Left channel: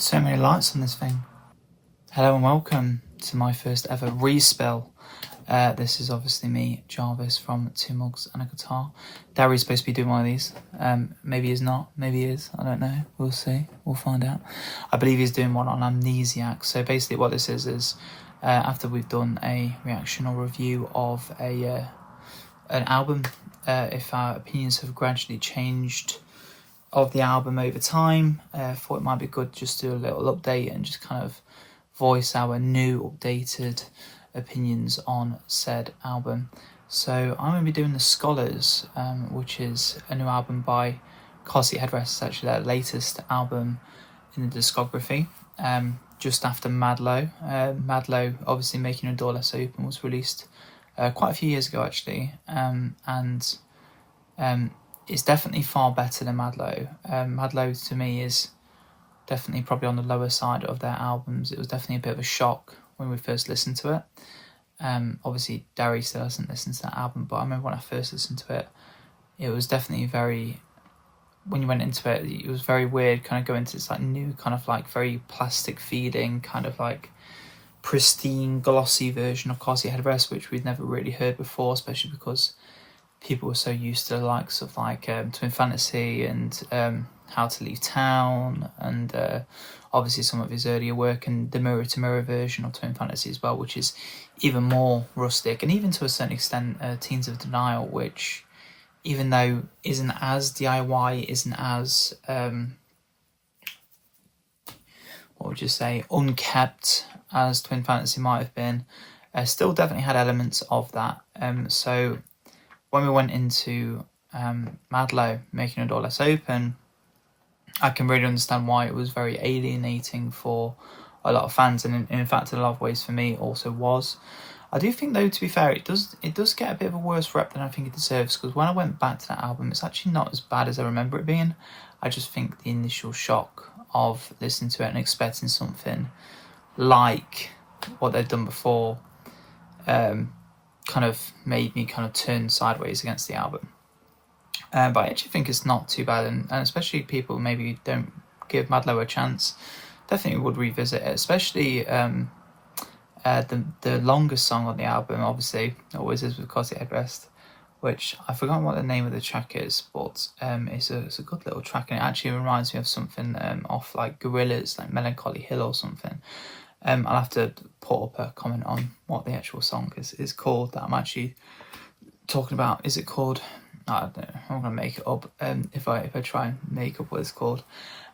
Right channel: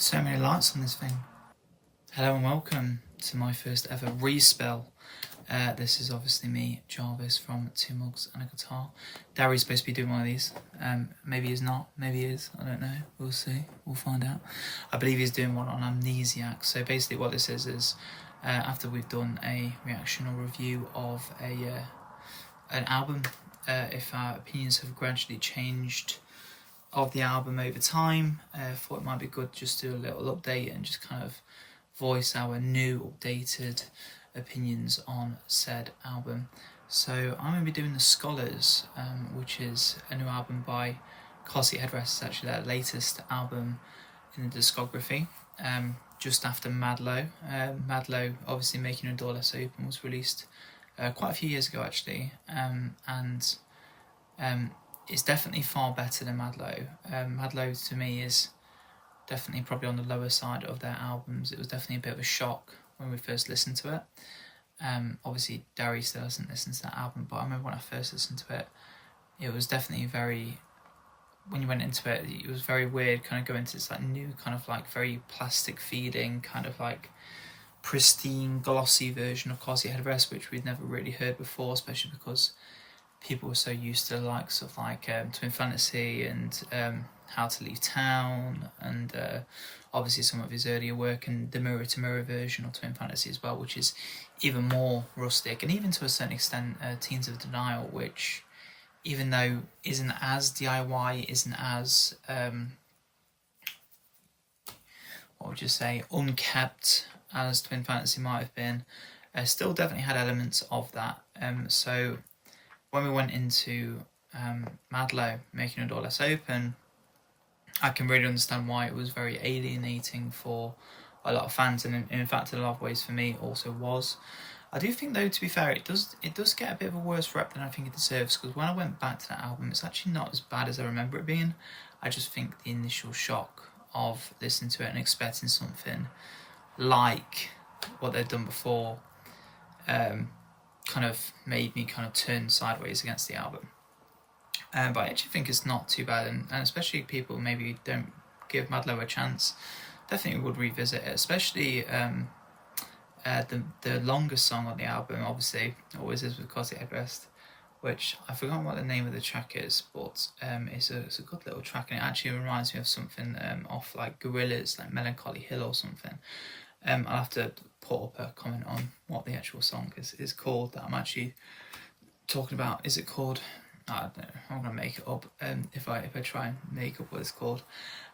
So many lights on this thing. Hello and welcome to my first ever respill. This is obviously me, Jarvis, from Two Mugs and a Guitar. Darry's supposed to be doing one of these. Maybe he's not, maybe he is, I don't know. We'll see, we'll find out. I believe he's doing one on Amnesiac. So basically what this is after we've done a reaction or review of an album, if our opinions have gradually changed of the album over time, thought it might be good just to do a little update and just kind of voice our new updated opinions on said album. So I'm going to be doing The Scholars, which is a new album by Headrest. It's actually their latest album in the discography, just after Madlow. Madlow, obviously Making a Door Less Open, was released quite a few years ago actually, and it's definitely far better than Madlow. Madlow to me is definitely probably on the lower side of their albums. It was definitely a bit of a shock when we first listened to it. Obviously Darry still hasn't listened to that album, but I remember when I first listened to it, it was definitely very, when you went into it, it was very weird, kind of going into this like new kind of like very plastic feeding, kind of like pristine glossy version of Headrest, which we'd never really heard before, especially because people were so used to the likes of like Twin Fantasy and How to Leave Town, and obviously some of his earlier work, and the Mirror to Mirror version of Twin Fantasy as well, which is even more rustic, and even to a certain extent Teens of Denial, which even though isn't as DIY, isn't as what would you say, unkept as Twin Fantasy might have been, still definitely had elements of that. So when we went into Madlow, Making a Door Less Open, I can really understand why it was very alienating for a lot of fans, and in fact in a lot of ways for me it also was. I do think though, to be fair, it does get a bit of a worse rep than I think it deserves, because when I went back to that album, it's actually not as bad as I remember it being. I just think the initial shock of listening to it and expecting something like what they've done before kind of made me kind of turn sideways against the album. But I actually think it's not too bad, and especially people maybe don't give Madlow a chance, definitely would revisit it, especially the longest song on the album, obviously, always is with Cosy Headrest, which I've forgotten what the name of the track is, but it's a good little track, and it actually reminds me of something off like Gorillaz, like Melancholy Hill or something. I'll have to put up a comment on what the actual song is called that I'm actually talking about. Is it called? I don't know. I'm gonna make it up if I try and make up what it's called.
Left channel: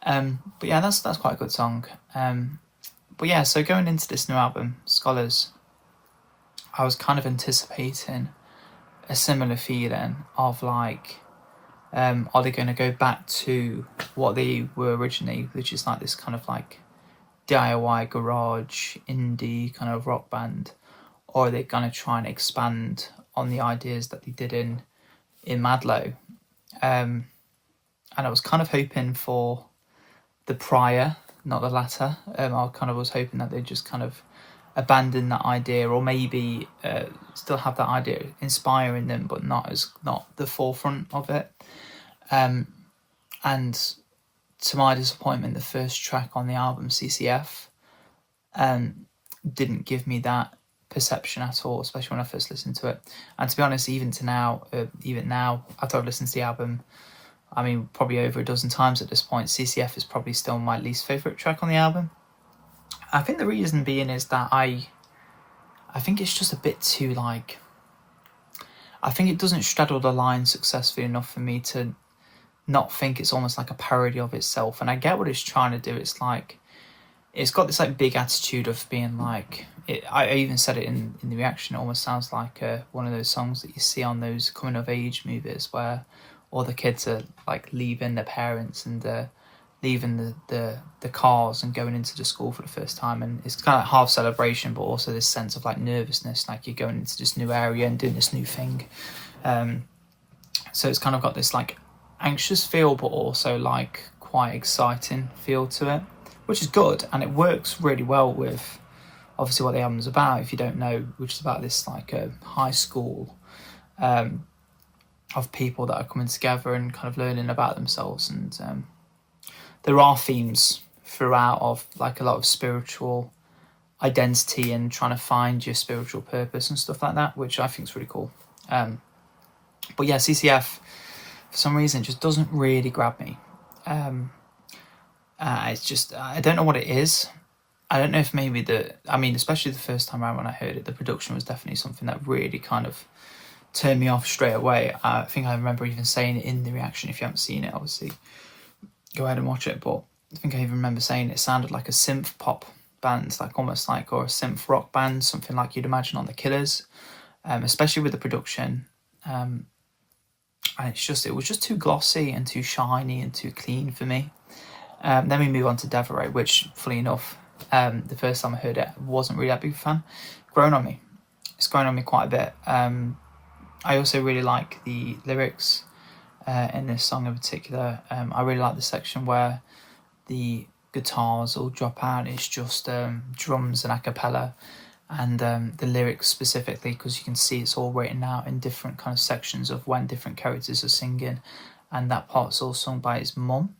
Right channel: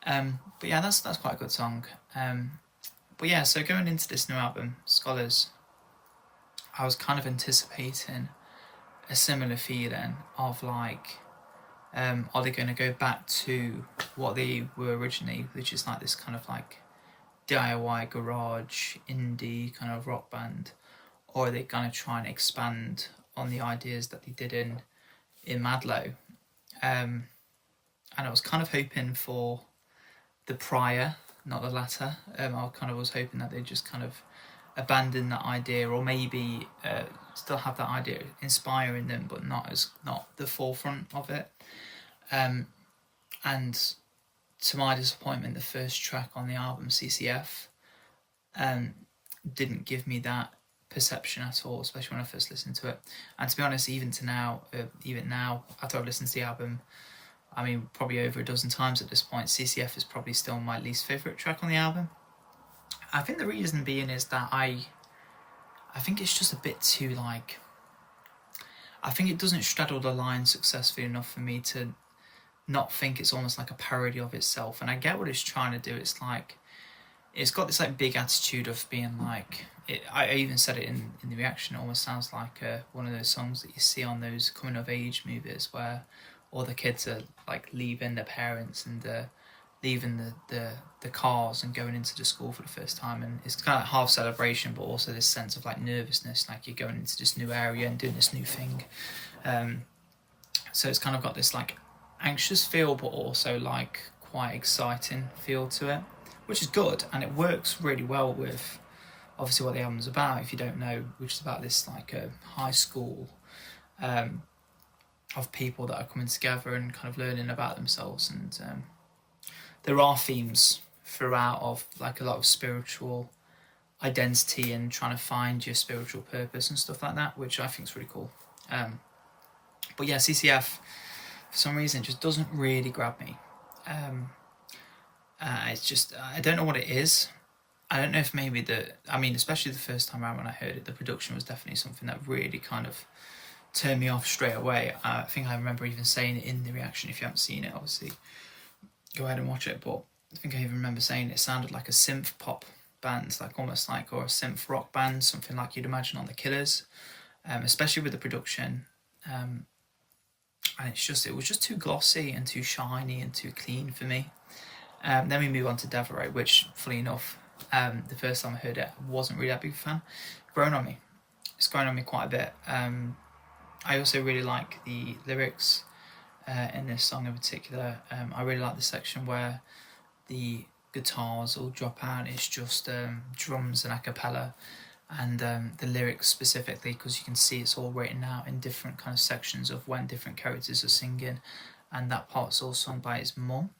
But yeah, that's quite a good song. But yeah, so going into this new album, Scholars, I was kind of anticipating a similar feeling of like, are they going to go back to what they were originally, which is like this kind of like DIY garage indie kind of rock band, or are they going to try and expand on the ideas that they did in Madlow? And I was kind of hoping for the prior, not the latter. I kind of was hoping that they'd just kind of abandon that idea, or maybe still have that idea inspiring them, but not the forefront of it. And to my disappointment, the first track on the album, CCF, didn't give me that perception at all, especially when I first listened to it. And to be honest, even now, after I've listened to the album, I mean, probably over a dozen times at this point, CCF is probably still my least favourite track on the album. I think the reason being is that I think it's just a bit too like, I think it doesn't straddle the line successfully enough for me to not think it's almost like a parody of itself. And I get what it's trying to do. It's like, it's got this like big attitude of being like, I even said it in the reaction, it almost sounds like one of those songs that you see on those coming of age movies where all the kids are like leaving their parents and leaving the cars and going into the school for the first time, and it's kind of like half celebration but also this sense of like nervousness, like you're going into this new area and doing this new thing. So it's kind of got this like anxious feel but also like quite exciting feel to it, which is good, and it works really well with obviously what the album's about, if you don't know, which is about this like a high school of people that are coming together and kind of learning about themselves. And there are themes throughout of like a lot of spiritual identity and trying to find your spiritual purpose and stuff like that, which I think is really cool. But yeah, CCF for some reason just doesn't really grab me. It's just, I don't know what it is. I don't know if maybe especially the first time around when I heard it, the production was definitely something that really kind of turned me off straight away. I think I remember even saying it in the reaction. If you haven't seen it, obviously go ahead and watch it. But I think I even remember saying it sounded like a synth pop band, like almost like, or a synth rock band, something like you'd imagine on The Killers, especially with the production. And it was just too glossy and too shiny and too clean for me. Then we move on to Devereux, which, fully enough, the first time I heard it, wasn't really that big a fan. Grown on me. It's grown on me quite a bit. I also really like the lyrics in this song in particular. I really like the section where the guitars all drop out. It's just drums and a cappella, and the lyrics specifically, because you can see it's all written out in different kind of sections of when different characters are singing, and that part's all sung by his mum.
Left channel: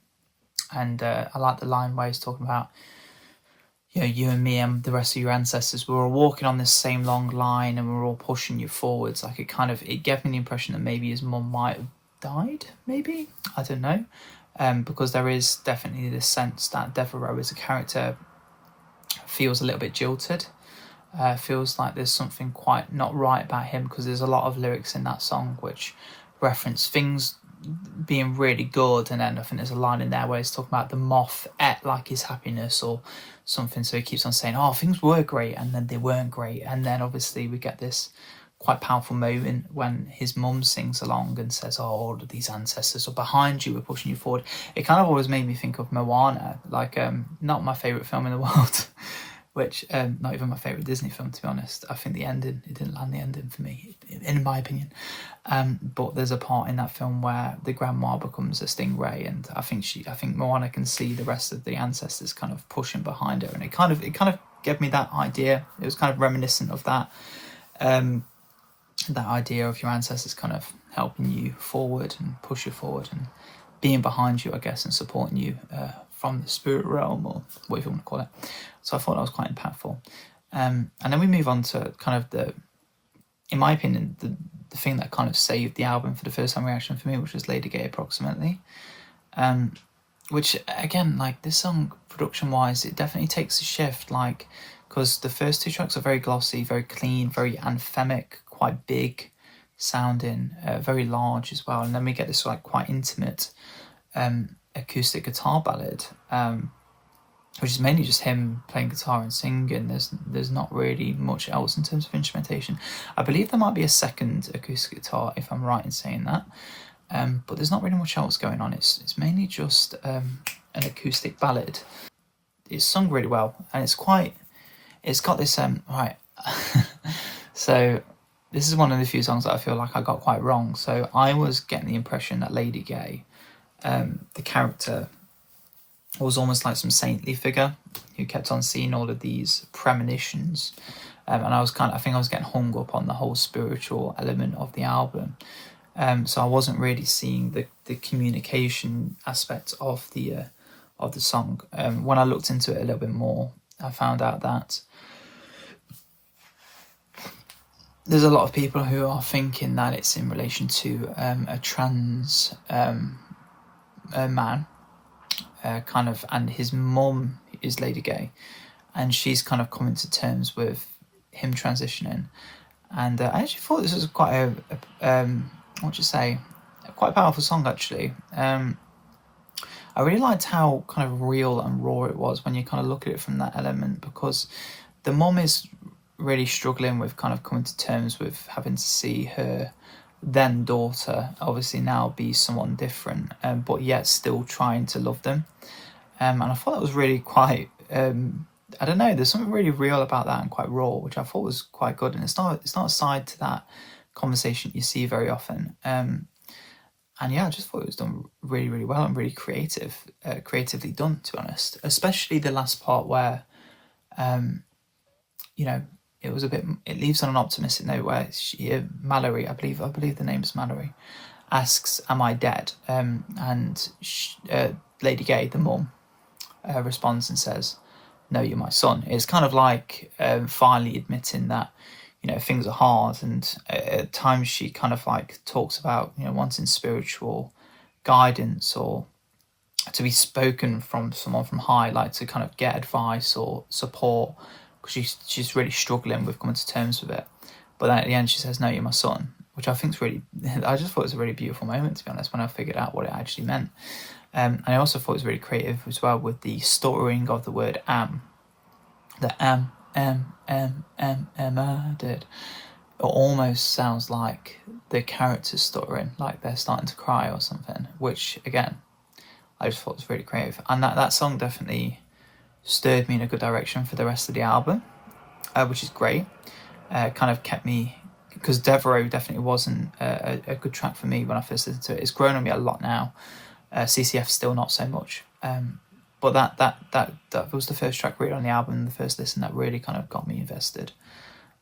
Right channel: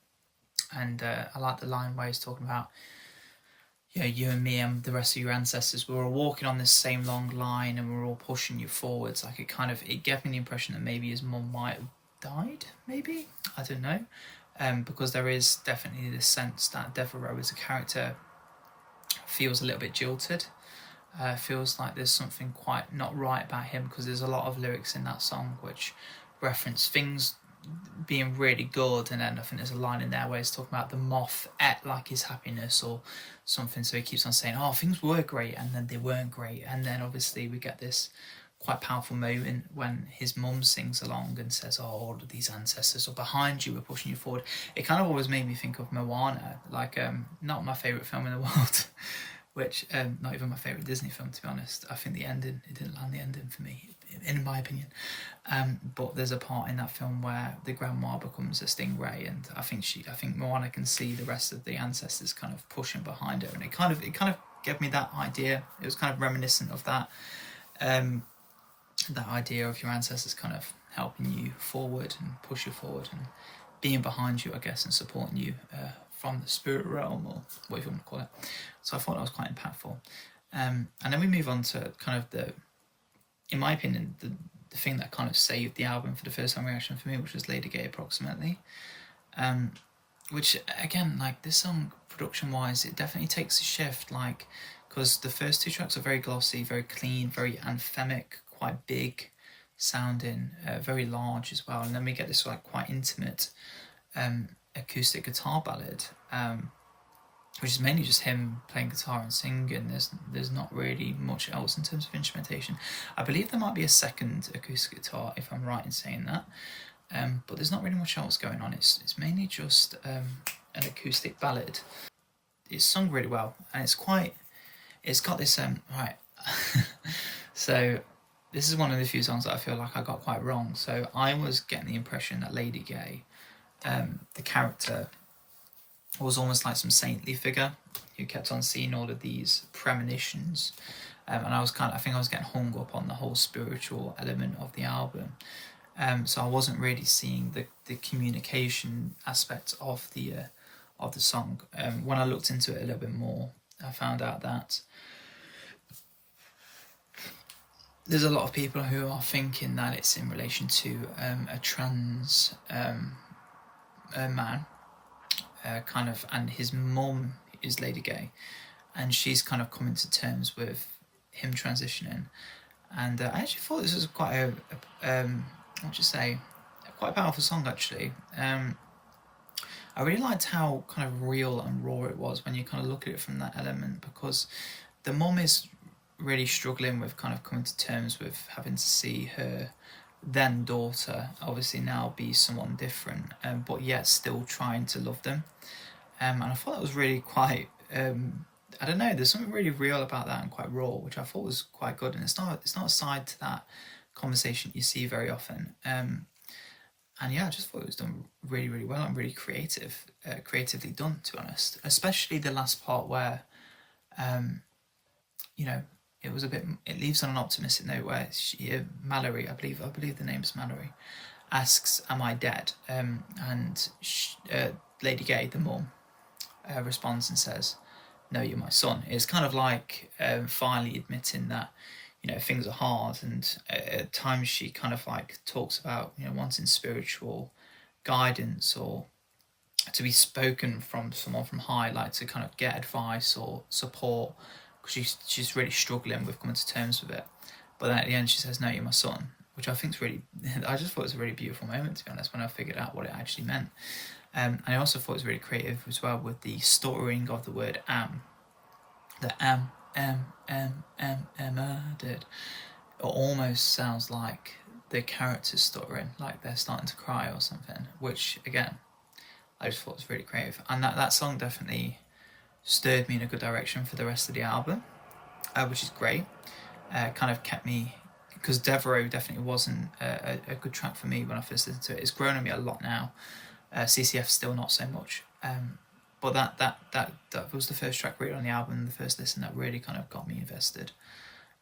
And I like the line where he's talking about, you and me and the rest of your ancestors, we're all walking on this same long line and we're all pushing you forwards. Like it gave me the impression that maybe his mum might have died, maybe, I don't know, because there is definitely this sense that Devereux as a character feels a little bit jilted. Feels like there's something quite not right about him, because there's a lot of lyrics in that song which reference things being really good, and then I think there's a line in there where he's talking about the moth ate like his happiness or something, so he keeps on saying, oh, things were great and then they weren't great. And then obviously we get this quite powerful moment when his mum sings along and says, oh, all of these ancestors are behind you, we're pushing you forward. It kind of always made me think of Moana, like not my favourite film in the world, which not even my favourite Disney film, to be honest. I think it didn't land the ending for me, in my opinion. But there's a part in that film where the grandma becomes a stingray, and I think Moana can see the rest of the ancestors kind of pushing behind her, and it kind of gave me that idea. It was kind of reminiscent of that, that idea of your ancestors kind of helping you forward and push you forward and being behind you, I guess, and supporting you from the spirit realm, or whatever you want to call it. So I thought that was quite impactful. And then we move on to kind of in my opinion, the thing that kind of saved the album for the first time reaction for me, which was Lady Gay Approximately. Which, again, like, this song, production-wise, it definitely takes a shift, like, because the first two tracks are very glossy, very clean, very anthemic, quite big sounding, very large as well. And then we get this, like, quite intimate acoustic guitar ballad, which is mainly just him playing guitar and singing. There's not really much else in terms of instrumentation. I believe there might be a second acoustic guitar, if I'm right in saying that, but there's not really much else going on. It's mainly just an acoustic ballad. It's sung really well, and it's got this right. So this is one of the few songs that I feel like I got quite wrong. So I was getting the impression that Lady Gay, the character, was almost like some saintly figure who kept on seeing all of these premonitions, and I think I was getting hung up on the whole spiritual element of the album, so I wasn't really seeing the communication aspect of the song. When I looked into it a little bit more, I found out that there's a lot of people who are thinking that it's in relation to a trans man, kind of, and his mum is Lady Gay, and she's kind of coming to terms with him transitioning. And I actually thought this was quite quite a powerful song, actually. I really liked how kind of real and raw it was when you kind of look at it from that element, because the mum is really struggling with kind of coming to terms with having to see her then daughter obviously now be someone different, but yet still trying to love them. And I thought that was really quite, I don't know, there's something really real about that and quite raw, which I thought was quite good. And it's not a side to that conversation you see very often. And yeah, I just thought it was done really, really well and really creatively done, to be honest. Especially the last part where, it leaves on an optimistic note where Mallory, I believe the name is Mallory, asks, "Am I dead?" And Lady Gay, the mum, responds and says, "No, you're my son." It's kind of like finally admitting that, you know, things are hard, and at times she kind of like talks about, you know, wanting spiritual guidance or to be spoken from someone from high, like to kind of get advice or support, because she's really struggling with coming to terms with it. But then at the end she says, "No, you're my son," which I think is really, I just thought it was a really beautiful moment, to be honest, when I figured out what it actually meant. And I also thought it was really creative as well with the stuttering of the word am. The did. It almost sounds like the characters stuttering, like they're starting to cry or something, which again, I just thought was really creative. And that song definitely stirred me in a good direction for the rest of the album, which is great. Kind of kept me, because Devereux definitely wasn't a good track for me when I first listened to it. It's grown on me a lot now. CCF still not so much. But that was the first track really on the album, the first listen that really kind of got me invested.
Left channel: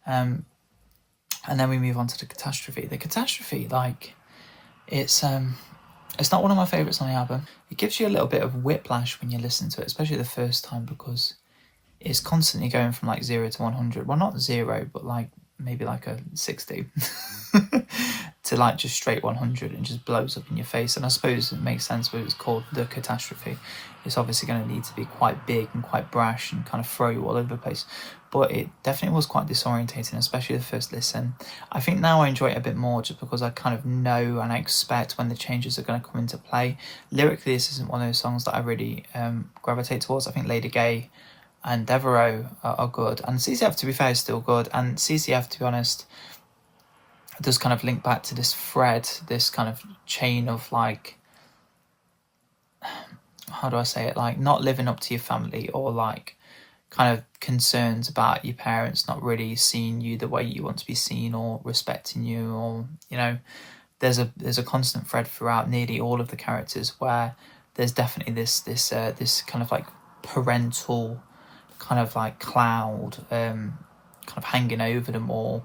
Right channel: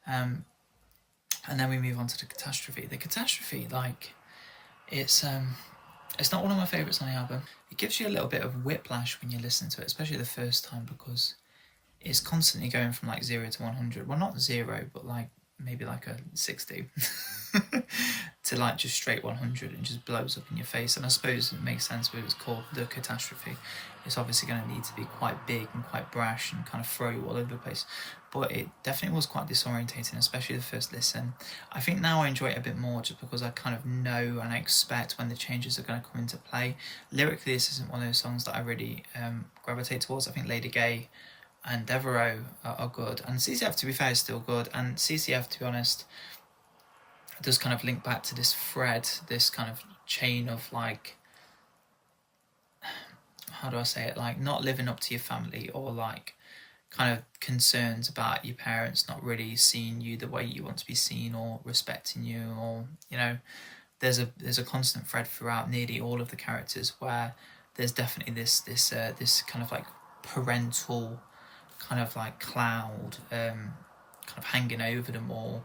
And then we move on to the Catastrophe. The Catastrophe, like, it's not one of my favourites on the album. It gives you a little bit of whiplash when you listen to it, especially the first time, because it's constantly going from like 0 to 100. Well, not 0, but like maybe like a 60 to like just straight 100, and just blows up in your face. And I suppose it makes sense when it's called the Catastrophe. It's obviously going to need to be quite big and quite brash and kind of throw you all over the place. But it definitely was quite disorientating, especially the first listen. I think now I enjoy it a bit more just because I kind of know and I expect when the changes are going to come into play. Lyrically, this isn't one of those songs that I really gravitate towards. I think Lady Gay and Devereux are good, and CCF, to be fair, is still good. And CCF, to be honest, does kind of link back to this thread, this kind of chain of like, how do I say it, like not living up to your family, or like kind of concerns about your parents not really seeing you the way you want to be seen or respecting you, or, you know, there's a constant thread throughout nearly all of the characters where there's definitely this kind of like parental kind of like cloud kind of hanging over them all,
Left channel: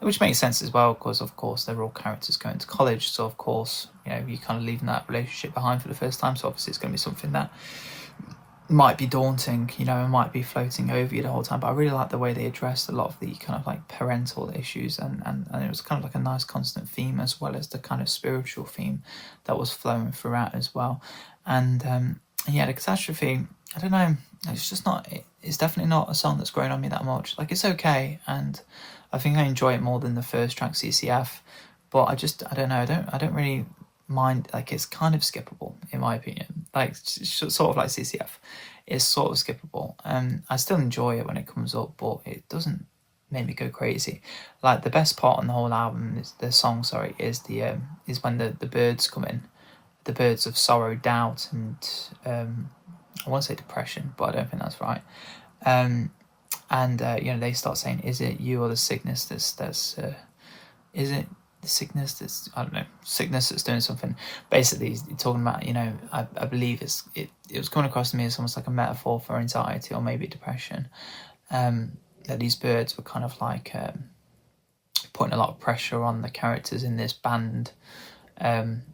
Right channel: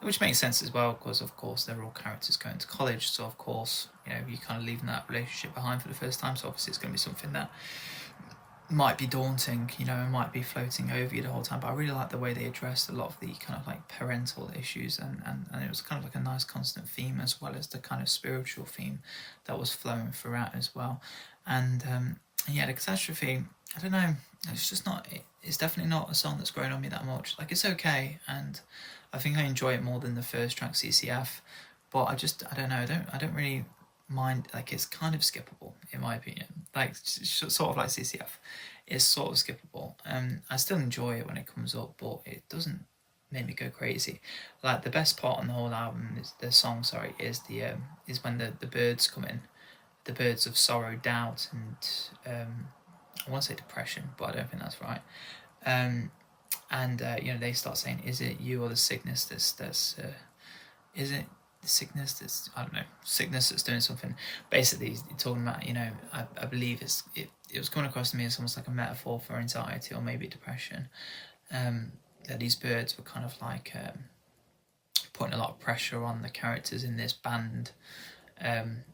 which makes sense as well, because of course they're all characters going to college, so of course, you know, you're kind of leaving that relationship behind for the first time, so obviously it's going to be something that might be daunting, you know, and might be floating over you the whole time. But I really like the way they addressed a lot of the kind of like parental issues, and it was kind of like a nice constant theme, as well as the kind of spiritual theme that was flowing throughout as well. And yeah, the Catastrophe, I don't know, it's just not, it's definitely not a song that's grown on me that much. Like, it's okay, and I think I enjoy it more than the first track, CCF, but I don't know, I don't really mind. Like, it's kind of skippable in my opinion, like sort of like CCF, it's sort of skippable. I still enjoy it when it comes up, but it doesn't make me go crazy. Like, the best part on the whole album is the song, is when the birds come in, the birds of sorrow, doubt, and I want to say depression, but I don't think that's right. You know, they start saying, "Is it you or the sickness that's is it the sickness that's, I don't know, sickness that's doing something?" Basically, he's talking about, you know, I believe it was coming across to me as almost like a metaphor for anxiety or maybe depression. That these birds were kind of like putting a lot of pressure on the characters in this band, and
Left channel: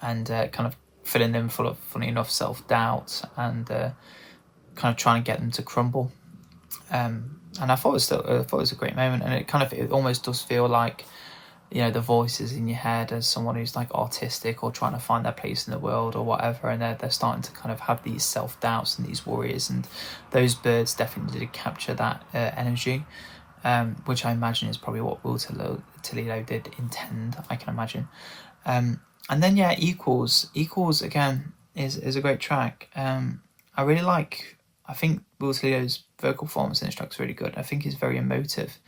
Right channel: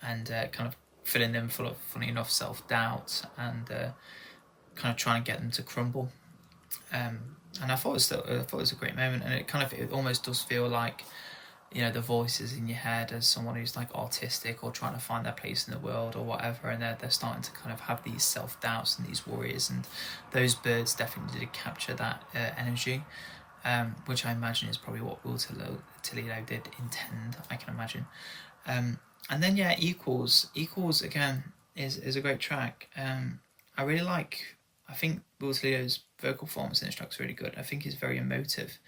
kind of filling them full of, funny enough, self-doubt, and kind of trying to get them to crumble. And I thought it was a great moment, and it almost does feel like, you know, the voices in your head as someone who's like autistic or trying to find their place in the world or whatever, and they're starting to kind of have these self-doubts and these worries, and those birds definitely did capture that energy, which I imagine is probably what Will Toledo did intend, I can imagine. And then, yeah, Equals again is a great track. I really like, I think Will Toledo's vocal performance in this track is really good. I think he's very emotive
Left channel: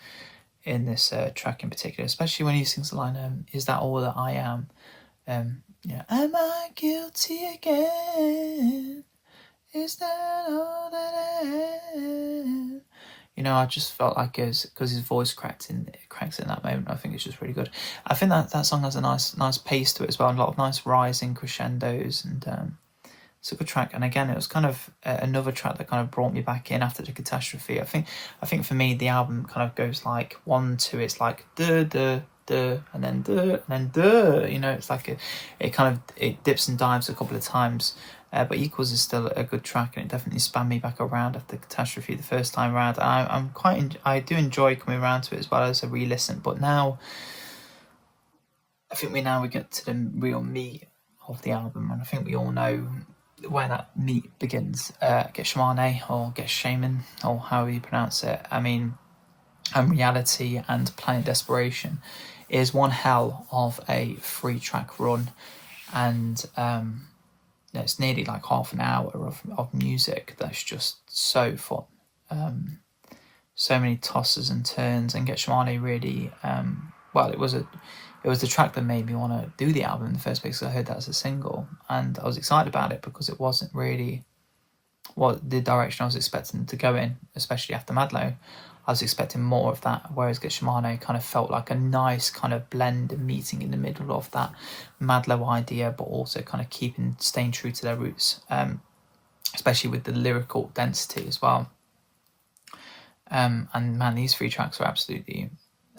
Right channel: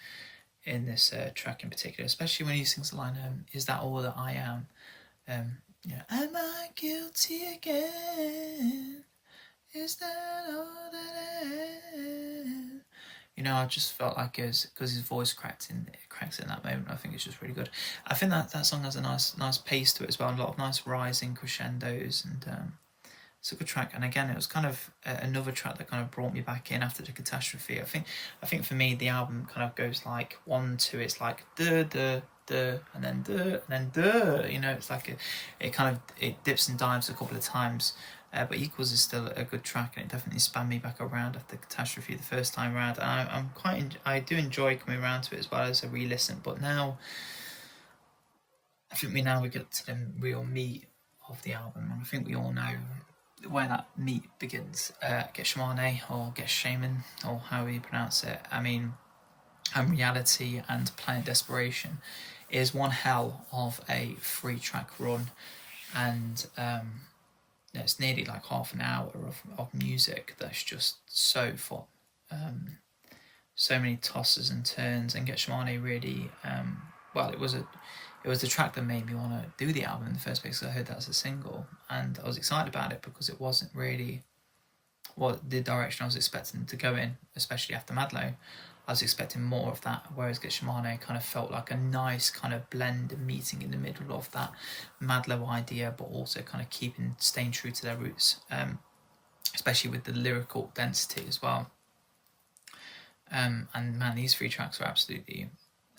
in this track in particular, especially when he sings the line, "Is that all that I am?" Yeah, "Am I guilty again? Is that all that I am?" You know, I just felt like because his voice cracks in that moment. I think it's just really good. I think that song has a nice pace to it as well, and a lot of nice rising crescendos, and it's a good track. And again, it was kind of another track that kind of brought me back in after the Catastrophe. I think for me, the album kind of goes like 1, 2, it's like duh duh duh, and then duh, and then duh. You know, it's like it dips and dives a couple of times. But Equals is still a good track, and it definitely spanned me back around after Catastrophe the first time around. I do enjoy coming around to it as well as a re-listen. But now, I think we get to the real meat of the album, and I think we all know where that meat begins. Gethsemane or Gethsemane, or however you pronounce it. I mean, Reality and Planet Desperation is one hell of a 3-track run, and it's nearly like half an hour of music that's just so fun. So many tosses and turns, and Gethsemane really, it was the track that made me want to do the album in the first place, because I heard that as a single, and I was excited about it because it wasn't really the direction I was expecting to go in, especially after Madlow. I was expecting more of that, whereas Gethsemane kind of felt like a nice kind of blend and meeting in the middle of that Madlow idea, but also kind of staying true to their roots, especially with the lyrical density as well. And man, these 3 tracks are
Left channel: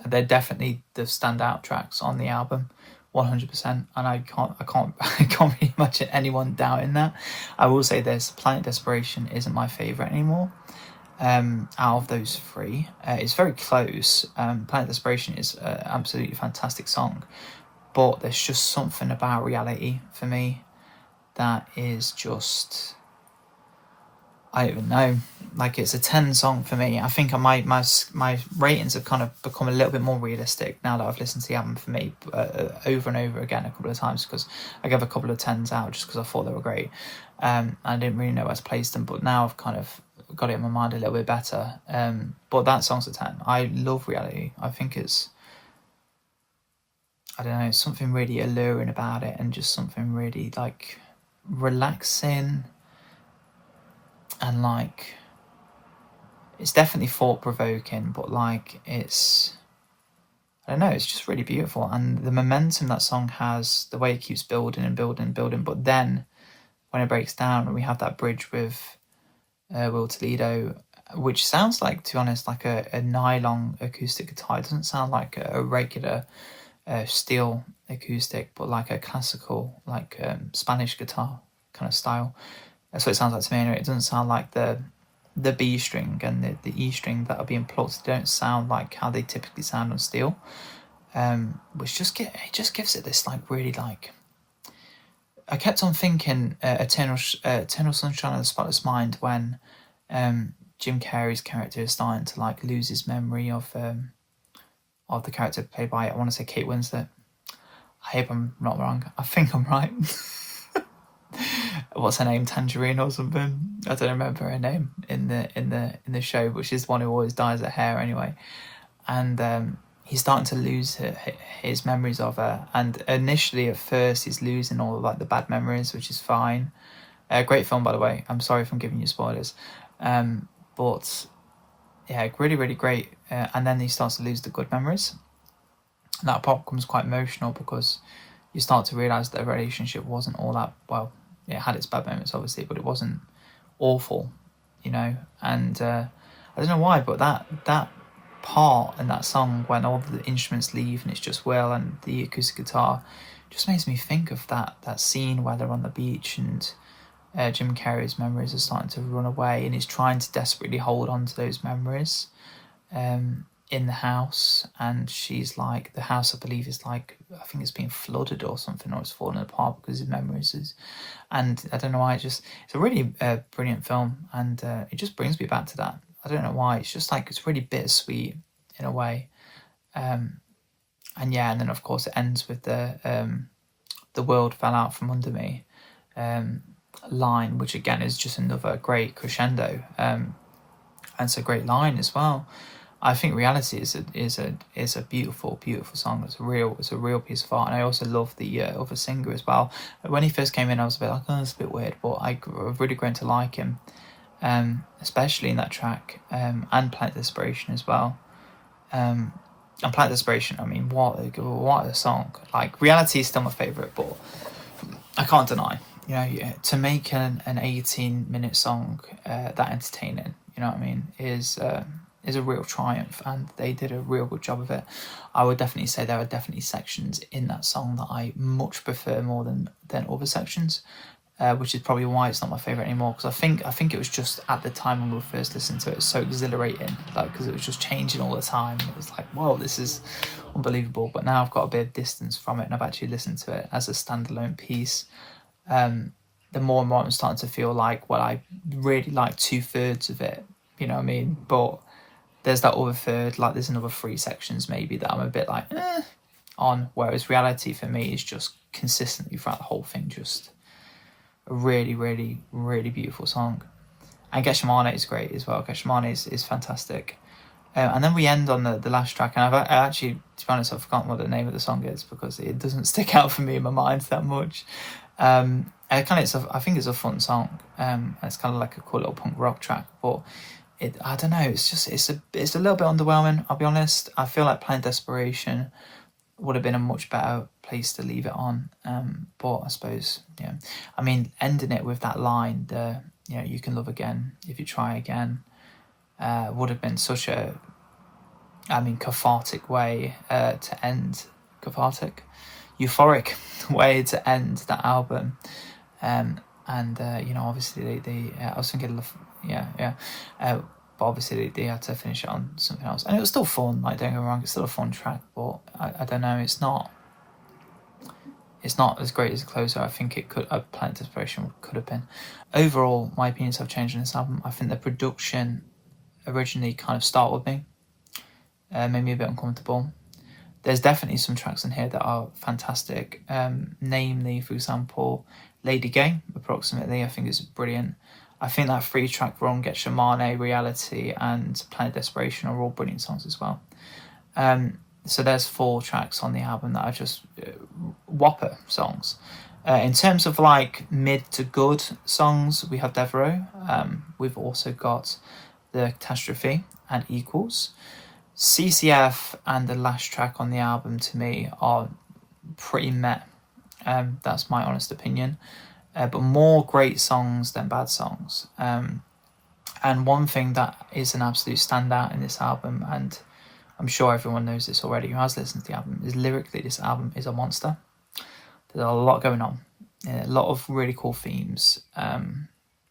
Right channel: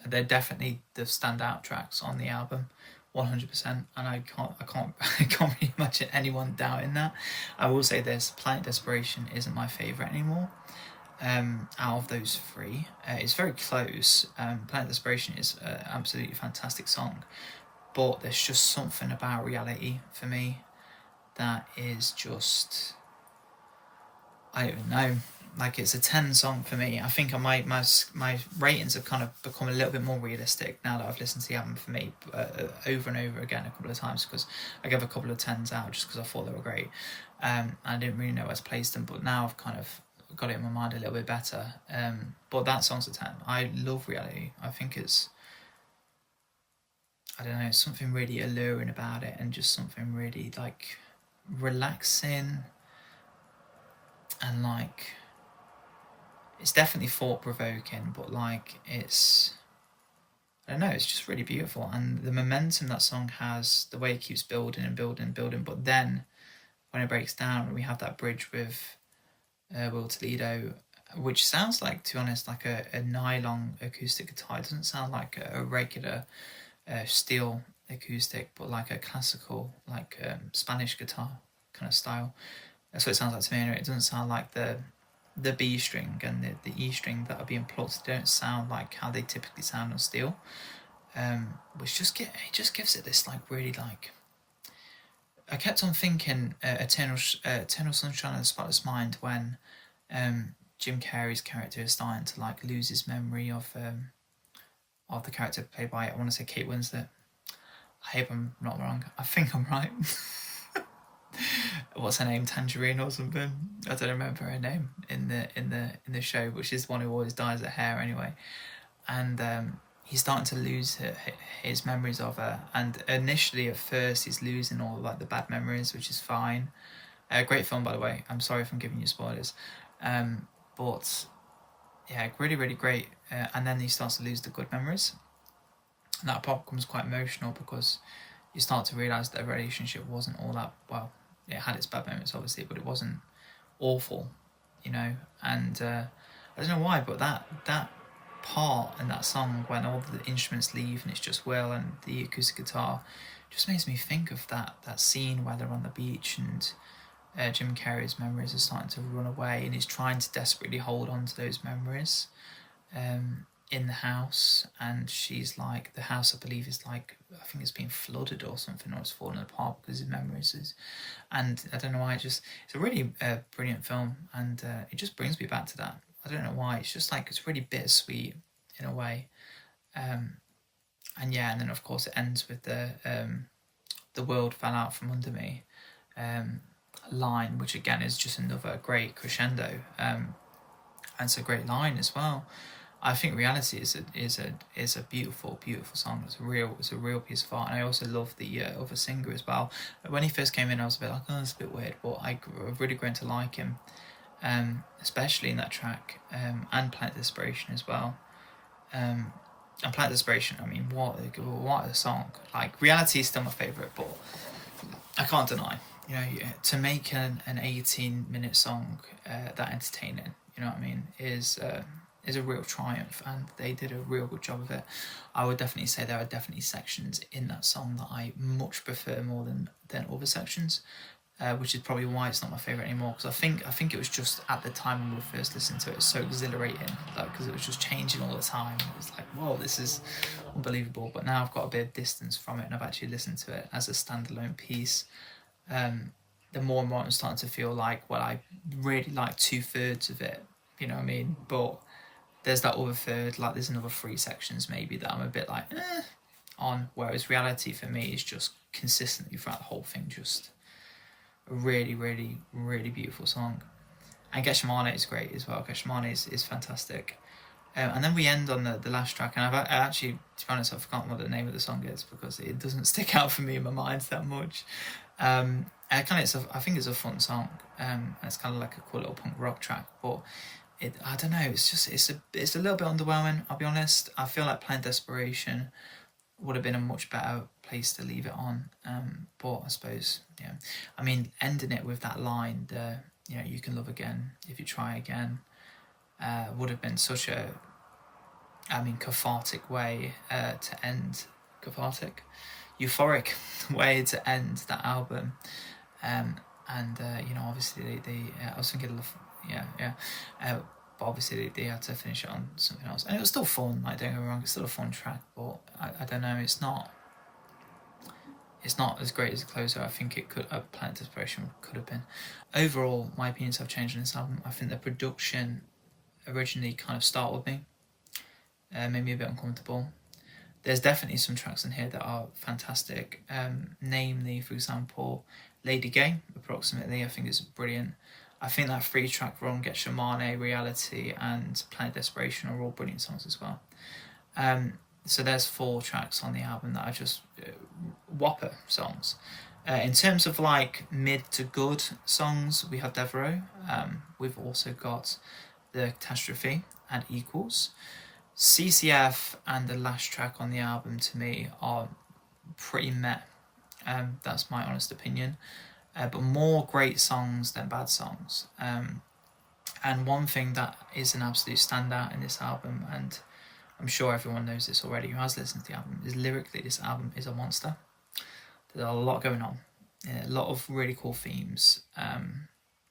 they're definitely the standout tracks on the album, 100%. And I can't really imagine anyone doubting that. I will say this: Planet Desperation isn't my favourite anymore. Out of those 3, it's very close. Planet Desperation is an absolutely fantastic song, but there's just something about Reality for me that is just, I don't even know, like it's a 10 song for me. I think my ratings have kind of become a little bit more realistic now that I've listened to the album for me over and over again a couple of times, because I gave a couple of 10s out just because I thought they were great. I didn't really know where to place them, but now I've kind of got it in my mind a little bit better. But that song's a 10. I love Reality. I think it's, I don't know, something really alluring about it, and just something really like relaxing, and like it's definitely thought-provoking, but like it's, I don't know, it's just really beautiful. And the momentum that song has, the way it keeps building and building and building, but then when it breaks down, we have that bridge with Will Toledo, which sounds like, to be honest, like a nylon acoustic guitar. It doesn't sound like a regular steel acoustic, but like a classical, like Spanish guitar kind of style. That's what it sounds like to me anyway. It doesn't sound like the B string and the E string that are being plucked. They don't sound like how they typically sound on steel, which it just gives it this like really like, I kept on thinking Eternal Sunshine of the Spotless Mind, when Jim Carrey's character is starting to like lose his memory of the character played by, I want to say, Kate Winslet. I hope I'm not wrong. I think I'm right. What's her name? Tangerine or something? I don't remember her name in the show, but she's the one who always dyes her hair anyway. And he's starting to lose his memories of her. And initially, at first, he's losing all of like the bad memories, which is fine. Great film, by the way. I'm sorry if I'm giving you spoilers. But yeah, really, really great. And then he starts to lose the good memories. And that part becomes quite emotional, because you start to realise that the relationship wasn't all that, well, it had its bad moments, obviously, but it wasn't awful, you know. And I don't know why, but that part in that song, when all the instruments leave and it's just Will and the acoustic guitar, just makes me think of that scene where they're on the beach and Jim Carrey's memories are starting to run away, and he's trying to desperately hold on to those memories in the house. And she's like, the house, I believe, is like, I think it's being flooded or something, or it's falling apart because his memories is, and I don't know why, it's a really brilliant film, and it just brings me back to that. I don't know why, it's just like, it's really bittersweet in a way. And yeah, and then of course it ends with the world fell out from under me line, which again is just another great crescendo, and it's a great line as well. I think Reality is a beautiful song. It's a real piece of art, and I also love the other singer as well. When he first came in, I was a bit like, oh, it's a bit weird, but I've really grown to like him, especially in that track, and Planet Desperation as well. And Planet Desperation, I mean, what a song! Like, Reality is still my favourite, but I can't deny, you know, to make an 18-minute song that entertaining, you know what I mean, is is a real triumph, and they did a real good job of it. I would definitely say there are definitely sections in that song that I much prefer more than other sections, which is probably why it's not my favourite anymore, because I think it was just at the time when we were first listening to it, it's so exhilarating, like, because it was just changing all the time. It was like, whoa, this is unbelievable. But now I've got a bit of distance from it, and I've actually listened to it as a standalone piece. The more and more I'm starting to feel like, well, I really like 2/3 of it, you know what I mean? But there's that other third, like there's another 3 sections maybe that I'm a bit like, on, whereas Reality for me is just consistently throughout the whole thing, just a really, really, really beautiful song. And Gethsemane is great as well. Gethsemane is fantastic. And then we end on the last track, and I actually, to be honest, I've forgotten what the name of the song is because it doesn't stick out for me in my mind that much. I think it's a fun song. It's kind of like a cool little punk rock track, but I don't know. It's a little bit underwhelming. I'll be honest. I feel like playing Desperation would have been a much better place to leave it on. But I suppose, yeah. I mean, ending it with that line, you can love again if you try again, would have been such a, cathartic way to end, euphoric way to end that album. Obviously they I was thinking of, but obviously they had to finish it on something else, and it was still fun. Like, don't get me wrong, it's still a fun track, but I don't know, it's not as great as a closer. I think it could, Planet Desperation could have been. Overall, my opinions have changed on this album. I think the production originally kind of startled me, made me a bit uncomfortable. There's definitely some tracks in here that are fantastic, namely, for example, Lady Gay, approximately, I think is brilliant. I think that 3-track run, Gethsemane, Reality, and Planet Desperation are all brilliant songs as well. So there's 4 tracks on the album that are just whopper songs. In terms of like mid to good songs, we have Devereux. We've also got the Catastrophe and Equals. CCF and the last track on the album to me are pretty meh. That's my honest opinion. But more great songs than bad songs. And one thing that is an absolute standout in this album, and I'm sure everyone knows this already who has listened to the album, is lyrically this album is a monster. There's a lot going on. A lot of really cool themes.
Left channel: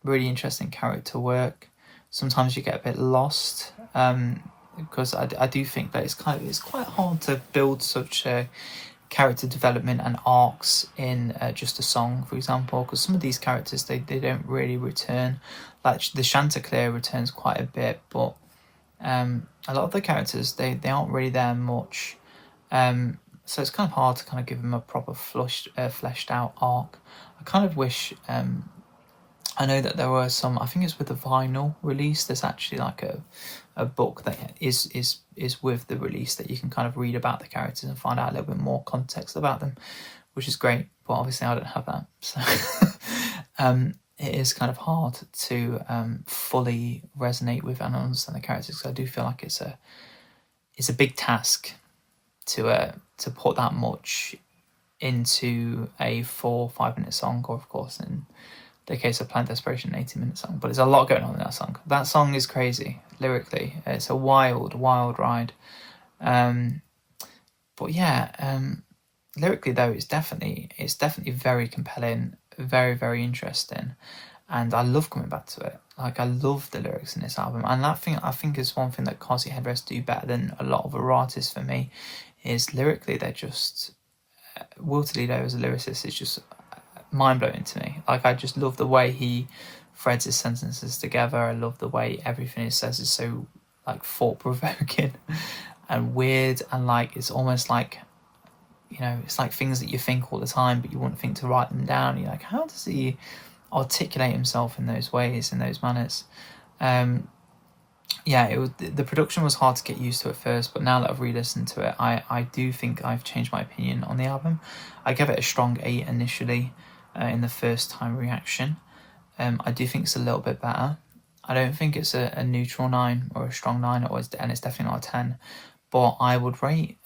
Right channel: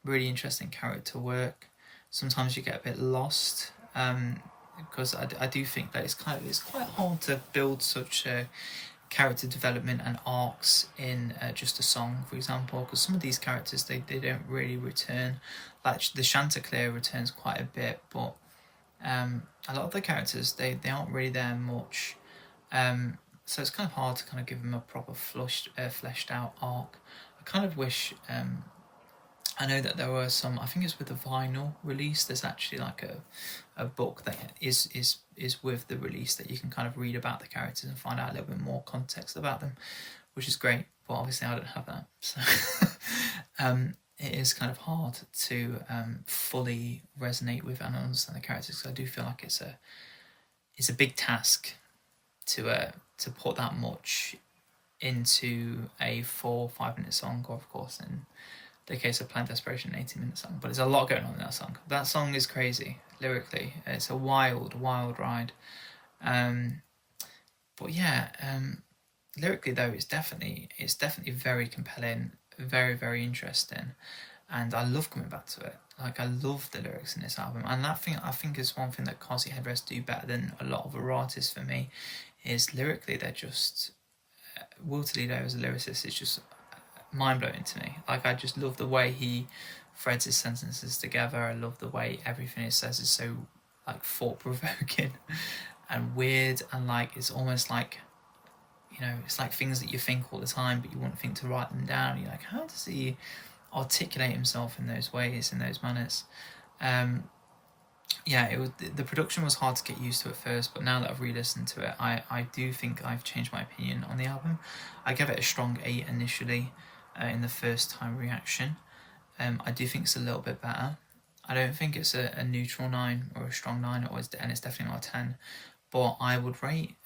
Really interesting character work. Sometimes you get a bit lost. Because I do think that it's quite hard to build such character development and arcs in just a song, for example, because some of these characters they don't really return. Like the Chanticleer returns quite a bit, but a lot of the characters they aren't really there much, so it's kind of hard to kind of give them a proper fleshed out arc. I kind of wish, I know that there were some, I think it's with the vinyl release, there's actually like a book that is with the release that you can kind of read about the characters and find out a little bit more context about them, which is great, but obviously I don't have that, so it is kind of hard to fully resonate with and understand the characters, because I do feel like it's a big task to put that much into a 4-5 minute song, or of course in the case of Planet Desperation, an 80-minute song. But there's a lot going on in that song. That song is crazy lyrically. It's a wild ride. But yeah, lyrically though, it's definitely very compelling, very, very interesting, and I love coming back to it. Like, I love the lyrics in this album, and that thing I think is one thing that Carsey Headrest do better than a lot of other artists for me, is lyrically they're just Will Toledo as a lyricist is just mind-blowing to me. Like, I just love the way he threads his sentences together. I love the way everything he says is so like thought-provoking and weird, and like it's almost like, you know, it's like things that you think all the time but you wouldn't think to write them down. You're like, how does he articulate himself in those ways, in those manners? The production was hard to get used to at first, but now that I've re-listened to it, I do think I've changed my opinion on the album. I gave it a strong 8 initially in the first time reaction. I do think it's a little bit better. I don't think it's a neutral 9 or a strong 9, and it's definitely not a 10, but I would rate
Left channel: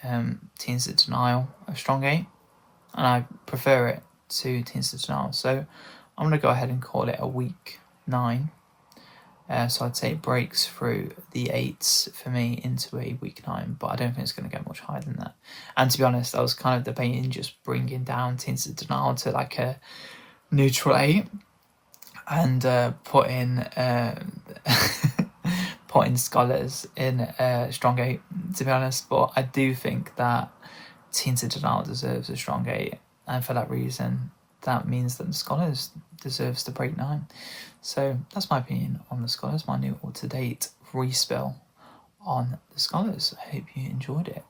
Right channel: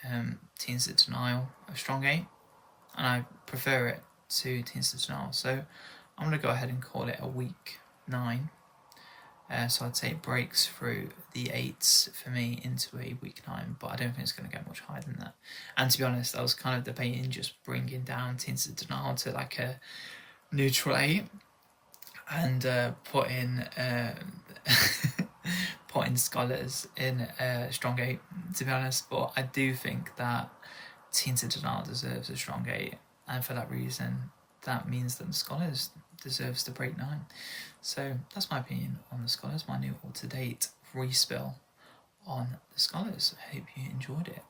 Teens of Denial a strong 8, and I prefer it to Teens of Denial, so I'm going to go ahead and call it a weak 9. So I'd say it breaks through the 8s for me into a weak 9, but I don't think it's going to get much higher than that. And to be honest, I was kind of debating just bringing down Tinted Denial to like a neutral 8 and putting putting Scholars in a strong 8, to be honest. But I do think that Tinted Denial deserves a strong 8, and for that reason, that means that the Scholars deserves to break 9. So that's my opinion on the Scholars, my new up-to-date respill on the Scholars. I hope you enjoyed it.